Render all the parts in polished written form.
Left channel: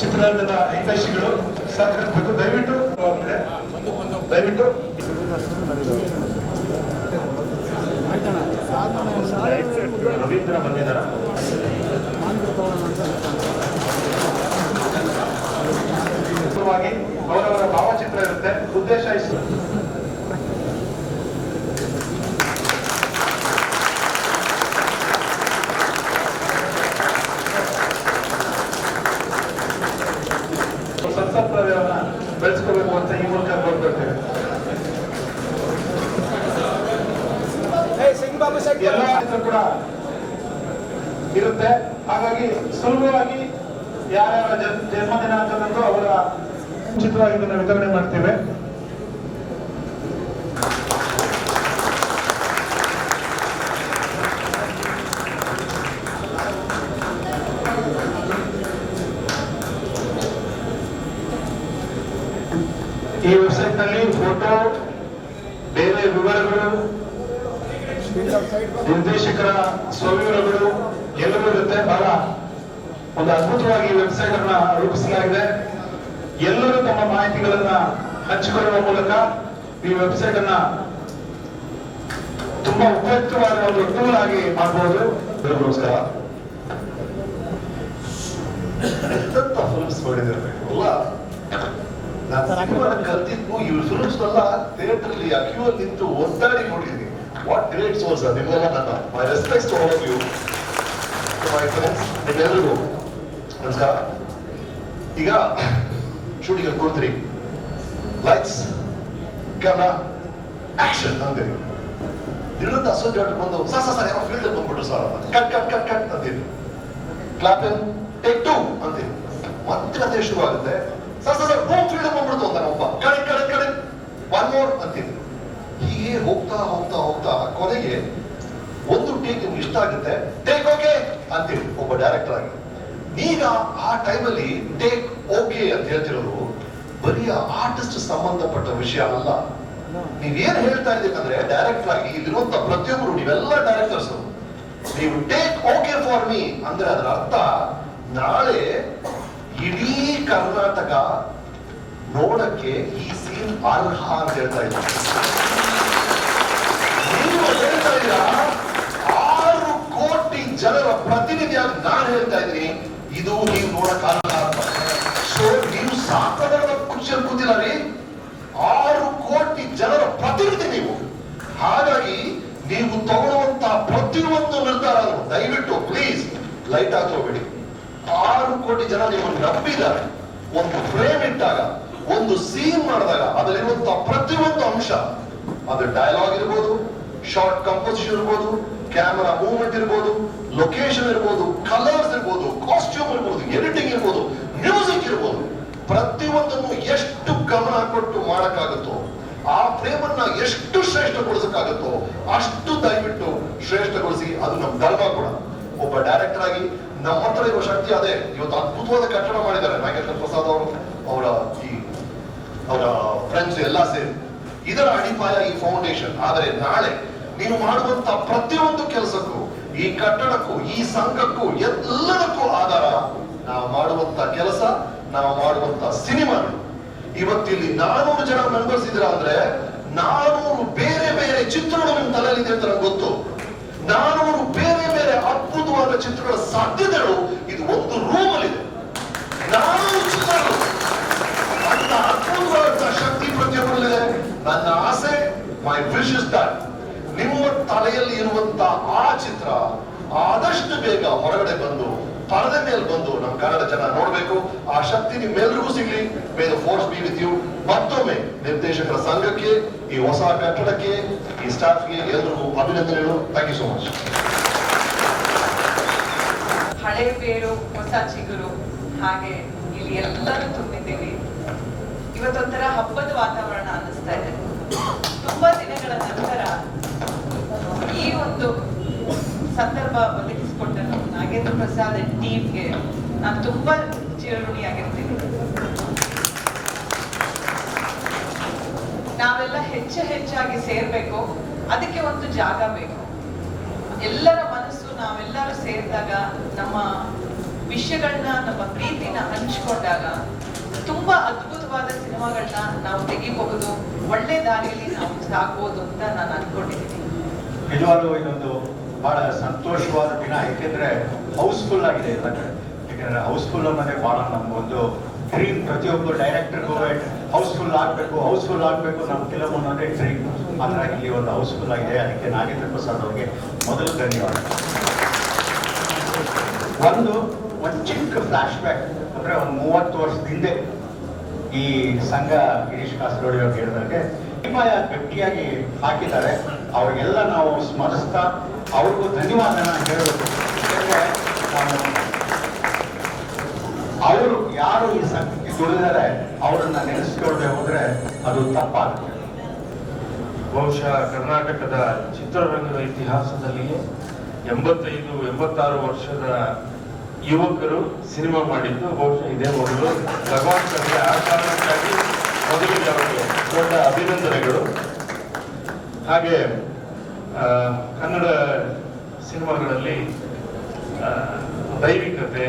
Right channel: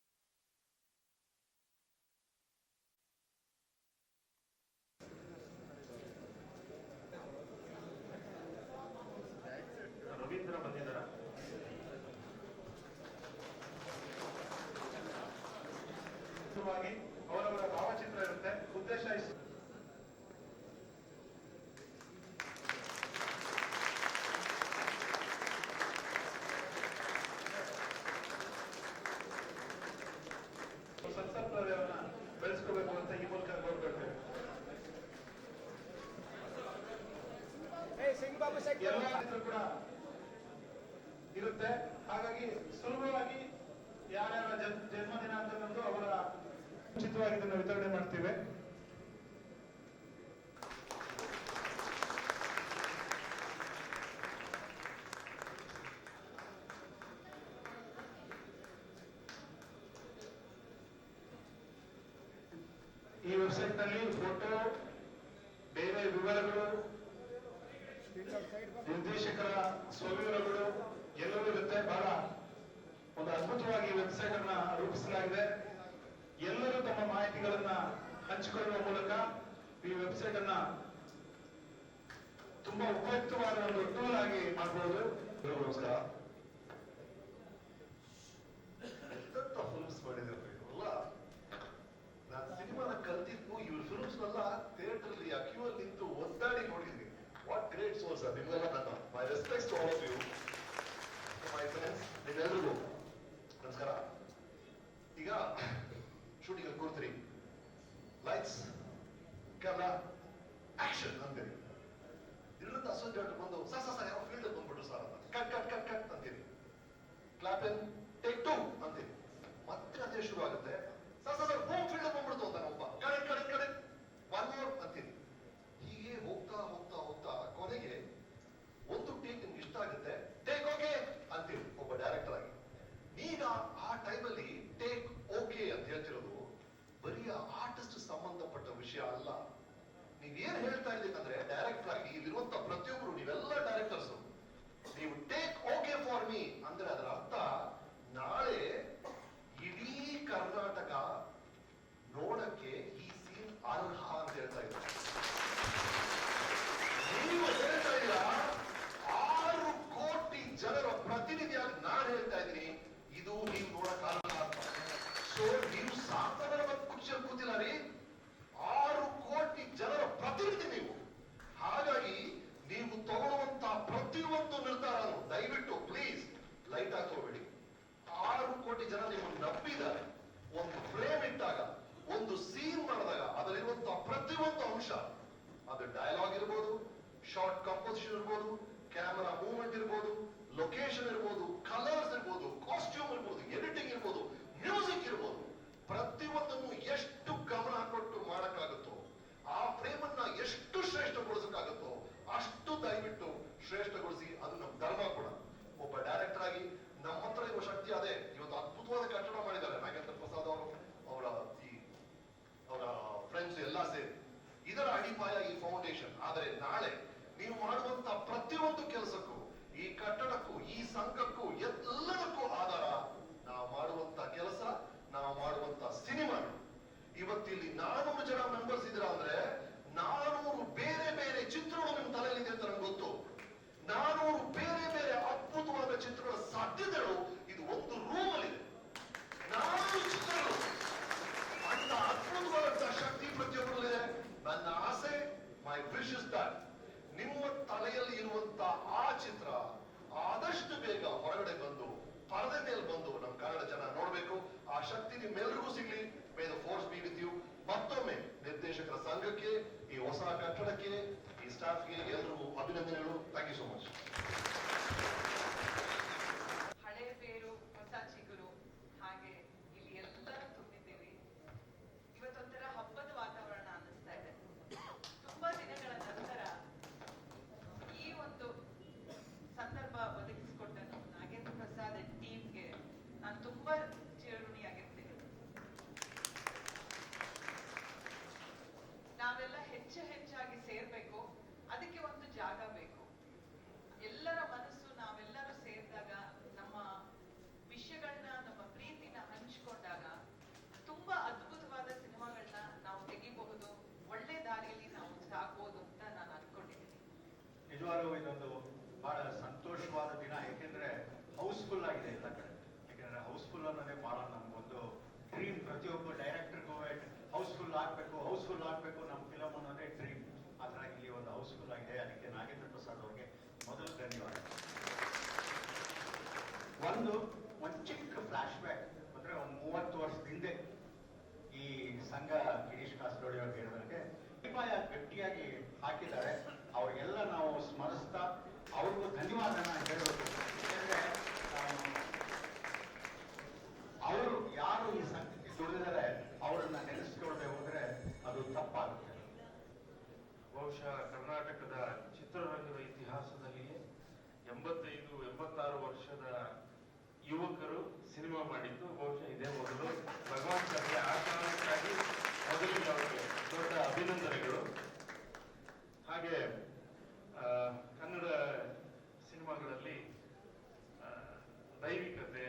ಚಿತ್ರರಂಗದ ಹಿತೈಷಿಗಳು ಸಹಕರಿಸಬೇಕು. ದಯವಿಟ್ಟು ರವೀಂದ್ರ ಬಂದಿದ್ದಾರೆ. ಅವರವರ ಭಾವಚಿತ್ರ ಇರುತ್ತೆ. ಉದ್ದೇಶ ಇಷ್ಟು. ಸಂಸಪ್ರದಾಯವನ್ನ ಬೆಳೆಸ್ಕೋಬೇಕು ಅಂತ ಈ ಮೂಲಕ ಕೋರ್ಕೊಳ್ತೇವೆ. ಎಲ್ಲ ಕೂಡ ಇರುತ್ತೆ. ಹಾಗಾಗಿ ಸುಲಭವಾಗಿ ಯಾರ್ಯಾರ ಜನ್ಮದಿನಾಂಕದಂದು ಅವರ ಉಚಿತವಾಗಿ ಇದನ್ನು ವಿತರಣೆ ಮಾಡ್ತೇವೆ. ಈ ವೆಬ್ಸೈಟ್ ನಲ್ಲಿ ಫೋಟೋ, ಬೇರೆ ವಿವರಗಳು, ನಿರ್ದೇಶಕರ ಸ್ವವಿವರಗಳು ಎಲ್ಲವೂ ಇರುತ್ತೆ. ಬಹಳ ಒಂದು ಅದ್ಭುತವಾಗಿ ವೆಬ್ಸೈಟ್ ಅನ್ನ ರೂಪಿಸಲಾಗಿದೆ. ಎಲ್ಲರೂ ತಮ್ಮ ಮಾಹಿತಿಗಳನ್ನ ಹಂಚಿಕೊಳ್ಳುವ ಮೂಲಕ ಈ ವೆಬ್ಸೈಟ್ ಅನ್ನ ತುಂಬಾ ಉಪಯುಕ್ತವಾದ ಒಂದು ಟೂಲ್ ಆಗಿ ಮಾಡಬಹುದು. ನಮಸ್ಕಾರ. ಫಿಲ್ಮ್ಸ್ ನೋಡಿದಿರಬೇಕು ನಾನು ಕಲ್ತಿದ್ದು ಇವ್ರ ಫಿಲ್ಮ್ಸ್ ಎಲ್ಲ ಥಿಯೇಟರ್ ಅಲ್ಲಿ ಕ್ಯೂ ಅಲ್ಲಿ ನಿಂತು ಒದ್ದಾಡಿ ನೋಡಿದ್ದೀನಿ. ವಾಟ್ ಗ್ರೇಟ್ ಸೋರ್ಸ್ ನಿಮ್ಗೆಲ್ಲ ನನ್ನ my respects to all of you, my friends, ನಿಮ್ಮೆಲ್ಲರಿಗೂ ನಮಸ್ಕಾರ. ಈಗ ಶೂಟಿಂಗ್ ಅಲ್ಲಿ ಕೂತ್ರಿ, ಲೈಟ್ಸ್ ಕ್ಯಾಮ್ರಾ ಆಕ್ಷನ್ ಅಂತೀರಿ. ದಿನದ ಅಸೋಸಿಯೇಟ್ ಬಂದು ಸರ್ ಏನೋ ಫೀಲ್ಡ್ ಬಂದ್ಬಿಟ್ಟು sir cut cut cut cut ಅಂತೀರಿ. ಕ್ಲಾಪ್ ಟೇಕ್ ಟು ಅಂತೀರಿ. ಮತ್ತೆ ಅದೇ ಶುರು ಆಗುತ್ತೆ. ಸರ್ ಬೂಮ್ ಫೀಲ್ಡ್ ಬಂದ್ಬಿಡ್ತು ಅಂತ ಒಬ್ಬ ಕಡೆ ಒನ್ ಮೋರ್ ಅಂತೀರಿ. ಹೀಗೆ ಹೋಗ್ತಾ ಹೋಗ್ತಾ ಹೋಗ್ತಾ ಕೊನೆಗೆ ಒಂದು ಟೇಕ್ ನಿಮ್ಗೆ ಇಷ್ಟ ಆಗುತ್ತೆ, ಟೇಕ್ ಓಕೆ ಅಂತೀರಿ ಒಬ್ಬ ಡೈರೆಕ್ಟರ್ ಆಗಿ. ಈಗ ಆ ಟೈಮಲ್ಲಿ ಟೇಕ್ ಓಕೆ ಅಂತ ಹೇಳ್ತಿರೋದು ಬರೀ ಆರ್ಟಿಸ್ಟ್ ಸಂಬಂಧಪಟ್ಟ ವಿಷಯ ಅಲ್ಲ. ನೀವೇನ್ ಹೇಳ್ತಾ ಇದ್ದೀರಂದ್ರೆ ಡೈರೆಕ್ಟರ್ ಆಗಿ ಇಲ್ಲಿರುವಂತ ಪ್ರತಿಯೊಬ್ಬರು, ನೀವೆಲ್ಲ ಡೈರೆಕ್ಟರ್ಸ್, ನೀವು ಟೇಕ್ ಓಕೆ ಫಾರ್ ಮೀ ಅಂದ್ರೆ ಅದರ ಅರ್ಥ ನಾಳೆ ಇಡೀ ಕರ್ನಾಟಕ ನೋಡಕ್ಕೆ ಈ ಸೀನ್ ಅರ್ಹ ಅಂತ ಹೇಳ್ತಾ ಇದ್ದಾರೆ. ನೀವು ಹೇಳ್ತಾ ಇದ್ದೀರಾ 6 ಕೋಟಿ ಜನರ ಪ್ರತಿನಿಧಿಯಾಗಿ ನಾನು ಹೇಳ್ತಾ ಇದ್ದೀನಿ ಇದು ನೀವು ನೋಡಕ್ ಅರ್ಹ ಅಂತ. ಸೊ ನೀವು ಸಾಕಾದ ಖುಷಿಯಲ್ಲಿ ಕೂತಿಲ್ಲ ರೀ. 6 ಕೋಟಿ ಜನರ ಪ್ರತಿನಿಧಿ ನೀವು. ಹಾಗಾಗಿ ನೀವು ತಗೊಳ್ಳುವಂತ ಪ್ರತಿಯೊಂದು ನಿರ್ಧಾರ ದಯವಿಟ್ಟು ಪ್ಲೀಸ್ ಲೈಟ್ ಹಾಕೋಬೇಡಿ. 6 ಕೋಟಿ ಜನ ನಿಮ್ಮನ್ನು ನಂಬಿದ್ದಾರೆ. ಒಂದು ಫ್ರೇಮ್ ಇಟ್ಟಾಗ, ಒಂದು ಸೀನ್ ಮಾಡಿದಾಗ ಅದರಲ್ಲಿರುವಂತಹ ಪ್ರತಿಯೊಂದು ಅಂಶ, ಅದು ಡೈಲಾಗ್ ಇರ್ಬೋದು, ಶಾರ್ಟ್ ಕಂಪೋಸಿಷನ್ ಇರ್ಬೋದು, ಕ್ಯಾಮರಾ ಮೂವ್ಮೆಂಟ್ ಇರ್ಬೋದು, ಲೊಕೇಶನ್ ಇರ್ಬೋದು, ಕಲರ್ಸ್ ಇರ್ಬೋದು, ಕಾಸ್ಟ್ಯೂಮ್ ಇರ್ಬೋದು, ಎಡಿಟಿಂಗ್ ಇರ್ಬೋದು, ಮ್ಯೂಸಿಕ್ ಇರ್ಬೋದು, ಪ್ರತಿಯೊಂದನ್ನು ಎಷ್ಟು ಗಮನ ಕೊಟ್ಟು ಮಾಡಕ್ಕಾಗುತ್ತೋ, ಆ ಫ್ರೇಮ್ ಅನ್ನ ಎಷ್ಟು ಶ್ರೇಷ್ಠಗೊಳಿಸಕ್ಕಾಗುತ್ತೋ ಅಷ್ಟು ದಯವಿಟ್ಟು ಶ್ರೇಷ್ಠಗೊಳಿಸಿ. ಅದು ನಮ್ಮ ಧರ್ಮ ಕೂಡ. ಒಬ್ಬ ಡೈರೆಕ್ಟರ್ ಆಗಿ ನಮ್ಮ ಹತ್ರ ಇರುವ ಶಕ್ತಿ ಅದೇ. ಇವತ್ತು ಅದ್ಭುತವಾದ ಕಟ್ಟಡ ಮಾಡಿದ್ದಾರೆ ನಾಗೇಂದ್ರ ಪ್ರಸಾದ್ ಅವರು, ಅವರ ಫ್ರೆಂಡ್ಸ್ ಎಲ್ಲ ಸೇರಿ. ಇದರ ಅಡಿಪಾಯ ಈ ಫೌಂಡೇಶನ್. ಆದರೆ ನಾಳೆ ನೀವು ಮಾಡುವಂತ ಪ್ರತಿಯೊಂದು ಕೆಲಸಕ್ಕೂ, ಈ ಕಟ್ಟಡಕ್ಕೂ, ಈ ಸಂಘಕ್ಕೂ, ಎಲ್ಲದಕ್ಕೂ ಆಧಾರ ನಾವು ಮಾಡುವಂತ ಕೆಲಸ, ನಾವು ಮಾಡುವಂತ ಸಿನಿಮಾಗಳು. ಇವತ್ತಿಲ್ಲಿ 400 ಜನ ಮೆಂಬರ್ಸ್ ಇದ್ದೀರಾ ಅಂದ್ರೆ 400 ಬೇರೆ ಬೇರೆ ಚಿತ್ರಗಳು ನಿಮ್ ತಲೆಯಲ್ಲಿದೆ ಅಂತ ನಂಗೆ ಗೊತ್ತು. 400 ಬೇರೆ ಬೇರೆ ಅದ್ಭುತವಾದ ಚಿತ್ರಗಳ ಸಾಧ್ಯತೆಗಳು ಇದು ಒಂದು ರೂಮ್ ಅಲ್ಲಿ ಇದೆ. 400 ಚಿತ್ರಗಳು, ಅಂತ ಅದ್ಭುತವಾದ ಶಕ್ತಿ ಪ್ರತಿಯೊಬ್ಬರಲ್ಲಿದೆ. ನನ್ನ ಆಸೆ, ಮೈ ವಿಶ್ ಇಸ್ ದಟ್ ನಿಮ್ಮ ತಲೆಯಲ್ಲಿ ಇರುವಂತ ಆ ಚಿತ್ರ ಆದಷ್ಟು ಬೇಗ ಹೊರಗಡೆ ಬಂದು ಪರದೆ ಮೇಲೆ ಬಂದು ನಮ್ಮ ಕನ್ನಡ ಜನ ನೋಡ್ಬೇಕು. ಆ ಶಕ್ತಿ ನಿಮ್ಮೆಲ್ರಿಗೂ ಸಿಗ್ಲಿ. May the force be with you. ಮತ್ತೊಮ್ಮೆ ನಿರ್ದೇಶಕರ ಸಂಘಕ್ಕೆ, ಈ ಹೊಸ ಕಟ್ಟಡಕ್ಕೆ, ಈ ಸ್ಟಾಫ್ಗೆ ಎಲ್ಲರಿಗೂ ಅಭಿನಂದನೆಗಳು. Thank you so much. ಹಳೆ ಬೇರು ಹೊಸ ಚಿಗುರು, ಹಾಗೆ ಇಲ್ಲಿ ಎಲ್ಲರೂ ತುಂಬಿದ್ದೀವಿ. ಇವತ್ತೊಂಥರ ಹಬ್ಬದ ವಾತಾವರಣ ಅನ್ನಿಸ್ತಾ ಇದೆ. ತುಂಬಾ ದಿನಗಳ ನಂತರ ಈ ಒಂದು ಸಂದರ್ಭ ಒದಗಿಸಿಕೊಟ್ಟ ನಾಗೇಂದ್ರ ಪ್ರಸಾದ್ ಟೀಮ್ಗೆ ನಾನು ತುಂಬಾ ಚಿರಋಣಿಯಾಗಿರ್ತೀನಿ. ನಾವೆಲ್ಲ ಹೆಚ್ಚಾಗಿ ಸೇರ್ಬೇಕು. ಅದಕ್ಕೆ ಒಂದು ಜಾಗ ಬೇಕು. ಎಲ್ಲರ ಮನಸ್ಸು ನಾವೆಲ್ಲರೂ ಸೇರಿದಾಗ ನಮ್ಮ ವಿಷಯಗಳನ್ನ ನಮ್ಮ ಪ್ರೀತಿನ ಹಂಚಿಕೊಂಡಾಗ ತುಂಬಾ ಅದ್ಭುತವಾದ ಸಿನಿಮಾಗಳನ್ನ ನಾವು ತೆಗಿಬಹುದು, ಒಳ್ಳೆ ದಾರಿಯಲ್ಲಿ ನಾವು ಸಾಗ್ಬೋದು ಅಂತ ನಾನು ಅನ್ಕೊಂಡಿದ್ದೀನಿ. ನಿಜವಾಗ್ಲೂ ಇದೊಂದು ಬಹಳ ಸಂತೋಷವಾದ ದಿನ, ಏಕೆಂದ್ರೆ ಹೌಸ್ಫುಲ್ ಆಗಿದೆ ಎಲ್ಲ ಕಡೆ. ಯಾಕಂದ್ರೆ ಹೌಸ್ಫುಲ್ ಅನ್ನೋದೇ ಬಹಳ ನಮ್ಗೊಂದು ಡ್ರೀಮ್. ಪ್ರತಿಯೊಬ್ಬರು ಡೈರೆಕ್ಟರ್ಗೂ ಹೌಸ್ಫುಲ್ ಆಗಬೇಕು ನಮ್ಮ ಫಿಲಮ್ ಅನ್ನೋದೇ ಡ್ರೀಮ್. ಹಾಗಾಗಿ ಇಲ್ಲಿ ಒಂದು ಹೌಸ್ಫುಲ್ ಆಗಿದೆ. ಅದಕ್ಕೆ ನಾಗೇಂದ್ರ ಪ್ರಸಾದ್ ಅವರಿಗೆ ಮೊದಲು ಧನ್ಯವಾದ. ಒಂದು ಚಿಕ್ಕ ಫ್ಲಾಶ್ ಬ್ಯಾಕ್ ಅಂದ್ರೆ ಒಂದು 30 ವರ್ಷದ ಹಿಂದೆ ಈ ಸಂಘ ಗಿರೀಶ್ ಕಾಸರಗೋಡಿ ಅವ್ರು ಹೇಳಿದಾಗೆ ಅಭಿಪ್ರಾಯ ಗಟ್ಟಿಯಾಗಿ ಹಾಕಿದ್ದಾರೆ. ಅವ್ರಿಗೆಲ್ಲ ನಾವು ಸ್ಮರಿಸ್ತಾ ಅವ್ರಿಗೂ ಧನ್ಯವಾದನ ಹೇಳಬೇಕು. ಯಾಕಂದ್ರೆ ಅವರು ಯಾರು ಈ ಸಂಘಕ್ಕೆ ದುಡಿದರೆ ಅವರನ್ನ ನೆನೆಸ್ಕೊಳ್ದೆ ಹೋದ್ರೆ ಅದು ತಪ್ಪಾಗುತ್ತೆ. ಬಹುಶಃ ಕರ್ನಾಟಕದ ಚಿತ್ರರಂಗದ ಇತಿಹಾಸದಲ್ಲಿಯೇ 85-86 ವರ್ಷದ ಯುವಕರು ಸಿನಿಮಾ ಮಾಡಿದ್ದು ಬಹುಶಃ ಇದೇ ಮೊದಲು. ಭಗವಾನ್ ಅವರಿಗೆ ಆ ಕಾರಣಕ್ಕಾಗಿ ಮೊದಲಿಗೆ ಅವರಿಗೆ ದೊಡ್ಡ ಅಭಿನಂದನೆಗಳು. ಹಾಗೆ ಕನ್ನಡ ಸಿನಿಮಾಗಳಲ್ಲಿ ದೈವಿಕತೆ,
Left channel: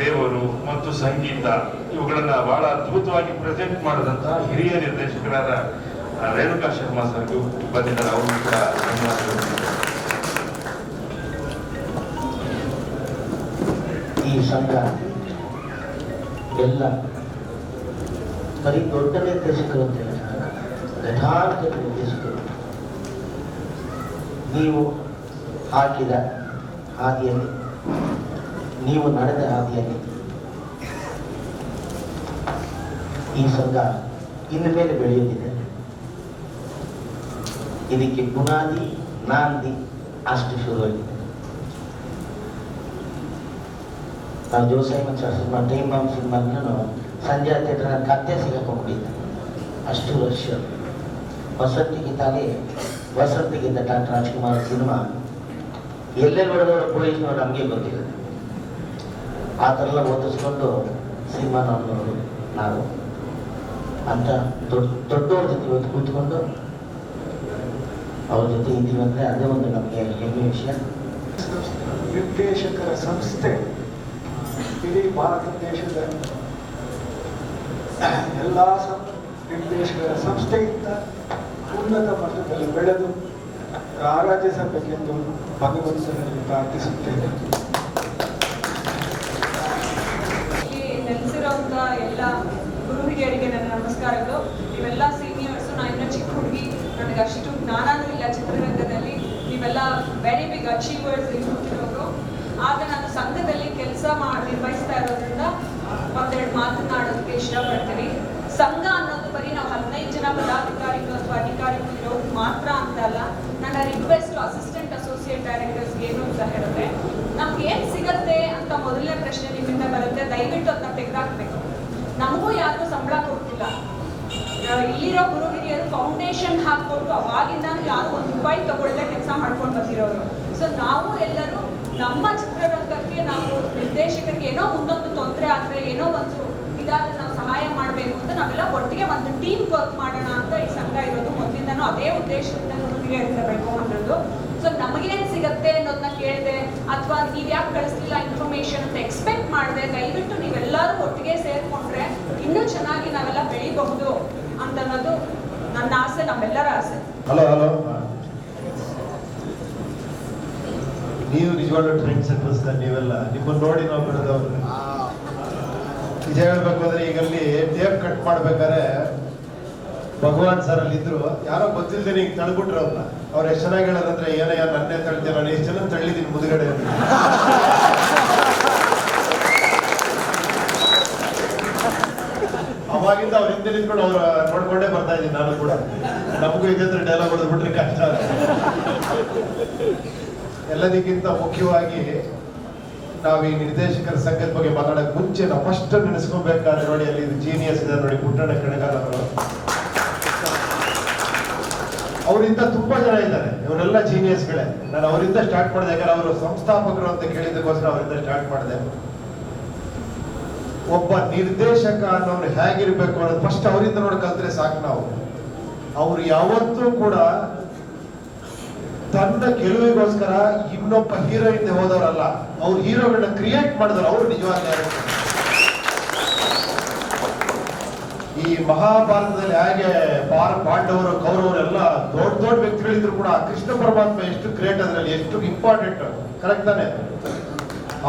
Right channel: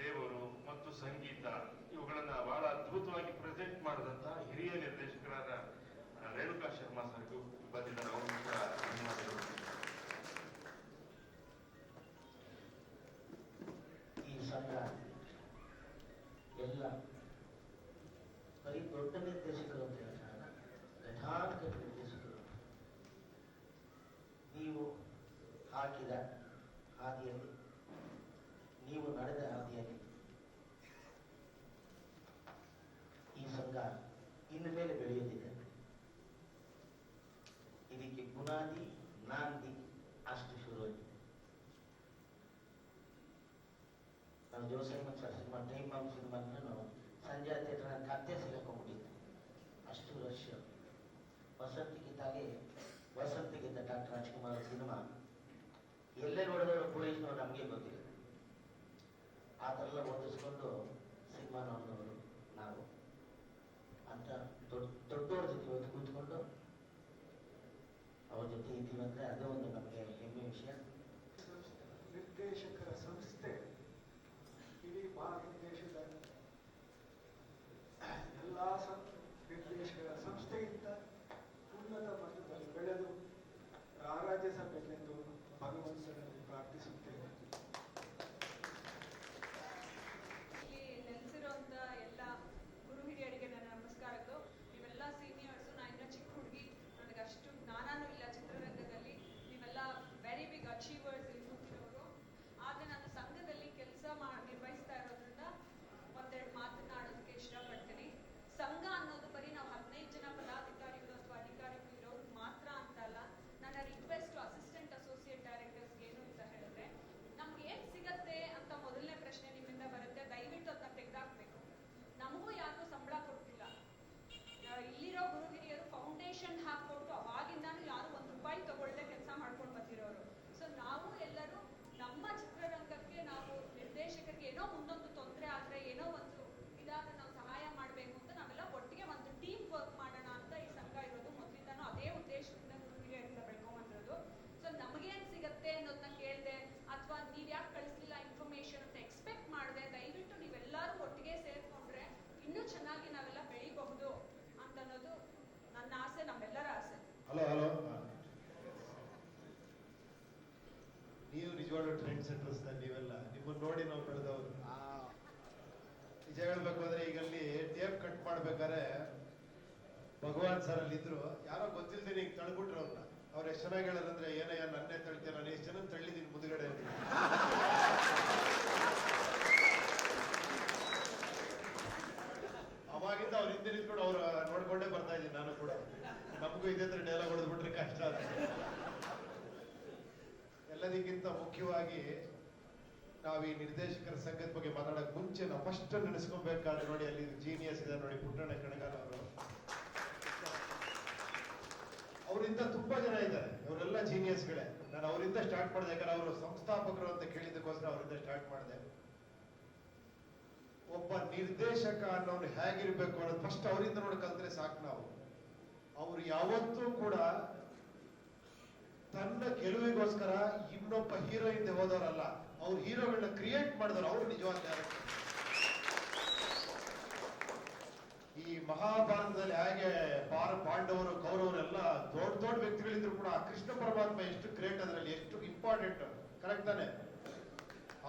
ದೇವರು ಮತ್ತು ಸಂಗೀತ ಇವುಗಳನ್ನ ಬಹಳ ಅದ್ಭುತವಾಗಿ ಪ್ರೆಸೆಂಟ್ ಮಾಡಿದಂತಹ ಹಿರಿಯ ನಿರ್ದೇಶಕರಾದ ರೇಣುಕಾ ಶರ್ಮಾ ಸರ್ಗೂ ಬಂದಿದ್ದಾರೆ. ಅವರು ಕೂಡ ಧನ್ಯವಾದಗಳು. ಈ ಸಂಘ ಎಲ್ಲ ಬರೀ ದೊಡ್ಡ ನಿರ್ದೇಶಕರು ಅಂತ ಹೇಳ್ತಾರೆ, ಯಥಾರ್ಥ ನಿರ್ದೇಶಕರು. ನೀವು ಹಾಕಿದ ಹಾದಿಯಲ್ಲಿ, ನೀವು ನಡೆದ ಹಾದಿಯಲ್ಲಿ ಈ ಸಂಘ ಇನ್ನು ಮೇಲೆ ಬೆಳೆಯುತ್ತಿದೆ. ಇದಕ್ಕೆ ಬುನಾದಿ ನಾಂದಿ ಅಷ್ಟು ಶುರುವಾಗಿದೆ. ನಾವು ಜೋಸಾಯಿ ಮತ್ತು ಸಿನಿಮಾ ಟೈಮ್ ಬಾಂಬ್ ಸಿನಿಮಾ ಸಂಜೆ ಥಿಯೇಟರ್ ಕತ್ತೆ ಸಿಗಾಕೊಂಡಿದ್ದೆ. ಅಷ್ಟು ವರ್ಷ ವಸಂತಿಗಿಂತ ಡಾಕ್ಟರ್ ರಾಜ್ಕುಮಾರ್ ಸಿನಿಮಾ ಎಲ್ಲೆಲ್ಲಿ ಹೊಡೆದವರು ಪೊಲೀಸ್ನವರು ನಮಗೆ ಗೊತ್ತಿಲ್ಲ. ಆ ಥರ ಎಲ್ಲ ಓದಿಸ್ಕೊಂಡು ಸಿನಿಮಾ ನೋಡೋರು ನಾವು ಅಂತ ದೊಡ್ಡವ್ರ ಜೊತೆ ಇವತ್ತು ಕೂತ್ಕೊಂಡು ಅವ್ರ ಜೊತೆ ಇದ್ದೀವಿ ಅಂದರೆ ಅದೇ ಒಂದು ನಮಗೆ ಹೆಮ್ಮೆ ವಿಷಯ. ನಿರ್ದೇಶಕರ ಸಂಸ್ಥೆ ಇಡೀ ಭಾರತ ದೇಶದ ಎಲ್ಲ ನಿರ್ದೇಶಕರ ಸಂಸ್ಥೆಗಿಂತ ಉನ್ನತ ಮಟ್ಟದಲ್ಲಿ ಬೆಳೆದು ಆರಾಧಿಸಬೇಕೆಂದು ಭಗವಂತನಲ್ಲಿ ಪ್ರಾರ್ಥಿಸುತ್ತೇನೆ. ನೆಲೆಸಿರೋಂಥ ಎಲ್ಲ ಗುರು ಹಿರಿಯರಿಗೆ ನನ್ನ ನಮಸ್ಕಾರಗಳು. ನೀವೆಲ್ಲ ಸೀನಿಯರ್ಸು, ನಾನು ಇನ್ನೂ ಚಿಕ್ಕ ಹುಡುಗಿ, ನನಗೆ ಅಷ್ಟು ಜ್ಞಾನನೂ ಇಲ್ಲ ಚಿತ್ರರಂಗದಲ್ಲಿ. ನೀವೆಲ್ಲ ವೆರಿ ಬಿಗ್ ಅಚೀವರ್ಸ್ ಇರುತ್ತಿರೋರು. ಆಗ ನಾನು ಸಂಘದಲ್ಲಿ ಕೆಲಸ ನಿರ್ವಹಿಸ್ತಾ ಇರೋದ್ರಿಂದ ಒಂದೆರಡು ಮಾತನಾಡೋದಕ್ಕೆ ಇಷ್ಟಪಡ್ತೀನಿ. ಸಂಘ ಅನ್ನೋದು ಬರೀ ನಾವು 15 ಜನ ಪದಾಧಿಕಾರಿಗಳು ಅಥವಾ ಅಧಿಕಾರಿಗಳು ಇರೋದು ಮಾತ್ರ ಅಂತ ಅಲ್ಲ. ನನ್ನ ರಿಕ್ವೆಸ್ಟ್ ಅಸಿಸ್ಟೆಂಟ್ ಅಸೋಸಿಯೇಟ್ ಡೈರೆಕ್ಟರ್ಸ್ಗೆ ಏನು ಅಂತ ಹೇಳಿದ್ರೆ, ನಮ್ಗೆ ಏನ್ ಸಿಗತ್ತೆ ಅಂತ ಮೊದಲನೇ ಪ್ರಶ್ನೆ ನಿಮ್ಮಿಂದ ಬರುತ್ತೆ. ದಯವಿಟ್ಟು ಅದನ್ನ ತೆಗೆದಾಕ್ಬೇಕು. ನಮಗೂ ಯಾರು ಸಂಬಳ ಕೊಡ್ತಿಲ್ಲ. ಇಲ್ಲಿರೋ ಗುರು ಹಿರಿಯರು ಫೌಂಡೇಶನ್ ಹಾಕ್ಕೊಂಡು ಅವಾಗಿಂದ ಯಾರು ₹1 ತಗೊಳ್ಳದೆ ಕೆಲಸ ಮಾಡ್ಕೊಂಡು ಬಂದಿರೋರು. ಸೊ ನಾವು ಎಲ್ಲರೂ ನಮ್ಮ ಚಿತ್ರರಂಗಕ್ಕೆ ನಾವು ನಿರ್ದೇಶಕರಿಗೆ ಏನೋ ಮುಂದೊಂದು ತೊಂದರೆ ಆದ್ರೆ, ಏನೋ ಒಂದು ಇದಾದ್ರೆ ನಾವು ಸಹಾಯ ಮಾಡಬೇಕು ಅಂತ ನಾವೆಲ್ಲ ಒಟ್ಟಿಗೆ ಒಂದು ಟೀಮ್ ವರ್ಕ್ ಮಾಡೋಣ ಅಂತ ಈ ಸಂಘ ಇರೋದು. ಮೊದಲಿಂದನೂ ಅದೇ ಉದ್ದೇಶದಿಂದ ಗುರು ಹಿರಿಯರಿಂದ ಬೆಳ್ಕೊಂಡ್ಬಂದಿರೋದು. ಸೊ ನಮಗೇನ್ ಸಿಗತ್ತೆ ಅನ್ನೋದನ್ನ ಕೇಳಿದೆ, ಅಥವಾ ನೀವ್ ಯಾಕೆ ಕಳಿಸ್ಲಿಲ್ಲ ಇನ್ಫಾರ್ಮೇಶನ್ ಅಂತ ಎಕ್ಸ್ಪೆಕ್ಟ್ ಮಾಡಿದೆ. ದಯವಿಟ್ಟು ನೀವೆಲ್ಲರೂ ಒಟ್ಟಿಗೆ ಸೇರ್ಕೊಂಡ್ರೆ ಇನ್ನೂ ಚೆನ್ನಾಗಿ ನಾವೆಲ್ಲ ಬೆಳಿಬಹುದು ಅಂತ ಅನ್ನೋದು ನನ್ನ ಆಸೆ, ನಮ್ಮೆಲ್ಲರ ಆಸೆ. ಹಲೋ ನೀವು ನಿಜವಾಗ್ಲೂ ಟ್ರೆಂಡ್ ಸೆಟ್ಟರ್ಸ್. ನೀವೆಲ್ಲ ನಿಮ್ಮನ್ನು ನೋಡಿ ನಾವು ಬೆಳೆದವ್ರು. ನಿಜ ಹೇಳ್ಬೇಕು ಅಂದ್ರೆ ಈಗಲ್ಲಿ ಟೇಪ್ ಕಟ್ ಮಾಡ್ಬೇಕಾದ್ರೆ ಭಗವಾನ್ ಸರ್ ಅಲ್ಲಿ ಇದ್ರು, ಯಾರೋ ಗೊತ್ತಿಲ್ಲದೆ ಈಗ ತಳ್ಬಿಟ್ರು ಅವ್ರನ್ನ. ಅವ್ರು ಎಷ್ಟು ಚೆನ್ನಾಗಿ ಹೇಳೋದಂದ್ರೆ, ಏನಯ್ಯ ನನ್ನೇ ತಳ್ತೇನೆ, ನಾನು ಎಷ್ಟು ಜನ ತಳ್ಳಿದ್ದೀನಿ ಮುದುಗಡೆ ಅಂತ. ಅವಾಗಿಂದ ಅವ್ರ ಹಿಂದೆ ನಿಂತ್ಕೊಂಡು ಅವ್ರ ನೋಡ್ಕೊಂಡೇ ಬರ್ತಾ ಇದ್ದೀನಿ ನಾನು ಕೂಡ. ನಮಗೂ ಇದೇ ಡೈಲಾಗ್ ಹೊಡೆದ್ಬಿಟ್ರೆ ಕಷ್ಟ. ಎಲ್ಲದಕ್ಕಿಂತ ಮುಖ್ಯವಾಗಿ ನಾವು ಈ ನಿರ್ದೇಶಕರ ಸಂಘದ ಬಗ್ಗೆ ಮಾತಾಡಕ್ ಮುಂಚೆ ನಾವು ಫಸ್ಟ್ ನೆನೆಸ್ಕೊಬೇಕಾದ್ರೆ ನೋಡಿ, ಅಲ್ಲಿ ಜೀನಿಯಸ್ ಇದೆ ನೋಡಿ, ಪುಟ್ಟಣ್ಣ ಕಣಗಾಲ್ ಅವರು. ಅವರಿಂದ ತುಂಬಾ ಜನ ಇದ್ದಾರೆ, ಇವರೆಲ್ಲ ಜೀನಿಯಸ್ಗಳೇ. ನಾನು ಅವರಿಂದ ಸ್ಟಾರ್ಟ್ ಮಾಡಿದೆ, ಯಾಕಂದ್ರೆ ಅವರು ಸಂಸ್ಥಾಪಕರು ಅಂತ ಕೇಳಿದಕ್ಕೋಸ್ಕರ ಅವರಿಂದ ಸ್ಟಾರ್ಟ್ ಮಾಡಿದೆ. ಒಬ್ಬ ನಿರ್ದೇಶಕ ಅನ್ನೋರು ಹೇಗಿರ್ಬೇಕು ಅನ್ನೋದು ಫಸ್ಟ್ ಅವರಿಂದ ನೋಡಿ ಕಲ್ತ್ರೆ ಸಾಕು ನಾವು. ಅವ್ರು ಯಾವತ್ತೂ ಕೂಡ ತನ್ನ ಗೆಲುವಿಗೋಸ್ಕರ ಇನ್ನೊಬ್ಬ ಹೀರೋ ಹಿಂದೆ ಹೋದವರಲ್ಲ, ಅವ್ರು ಹೀರೋಗಳನ್ನ ಕ್ರಿಯೇಟ್ ಮಾಡಿದವರು, ಅವರು ನಿಜವಾದ ಡೈರೆಕ್ಟರ್. ಈ ಮಹಾಭಾರತದಲ್ಲಿ ಹೇಗೆ ಪಾಂಡವರು ಕೌರವರು ಎಲ್ಲ ದೊಡ್ಡ ದೊಡ್ಡ ವ್ಯಕ್ತಿಗಳಿದ್ರು ಕೂಡ ಕೃಷ್ಣ ಪರಮಾತ್ಮ ಎಷ್ಟು ಗ್ರೇಟ್, ಅದ್ರಲ್ಲಿ ಎಷ್ಟು ಇಂಪಾರ್ಟೆಂಟ್, ಕರೆಕ್ಟ್ ತಾನೆ?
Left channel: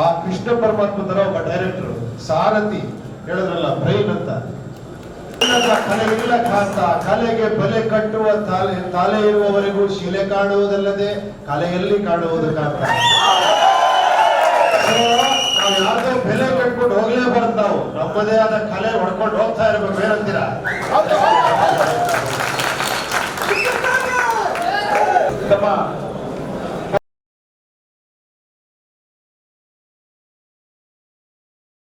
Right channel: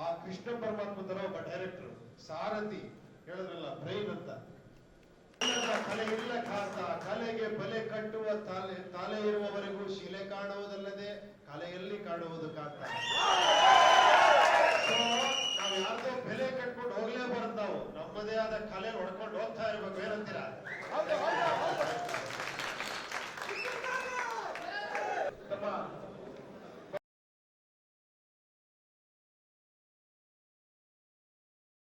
ಆ ಕೃಷ್ಣ ಪರಮಾತ್ಮ ತರ ಒಬ್ಬ ಡೈರೆಕ್ಟರ್, ಸಾರಥಿ ಹೇಳಿದ್ರಲ್ಲ ಬ್ರೈನ್ ಅಂತ. ಕಲೆ ಇಲ್ಲ ಖಾತ, ಕಲೆಗೆ ಬೆಲೆ ಕಟ್ಟುವ ತಾಲೆ ಇರುವವರೆಗೂ ಶಿಲೆ ಕಾಣುವುದಲ್ಲದೆ ಕಲೆಯಲ್ಲಿ ಕಾಣುವುದು ಕಾಂತ. ನಾವು ಯಾರ್ದೋ ಬೆಲೆ ಕಟ್ಕೊಂಡು ಹೋಗ್ಲೇಬಾರ್ದು, ನಾವು ನಮ್ಮದೇ ಆದ ಕಲೆ ಹೊಡ್ಕೊಂಡು ಹೋಗ್ತಾ ಇರ್ಬೇಕು. ಏನಂತೀರಾ?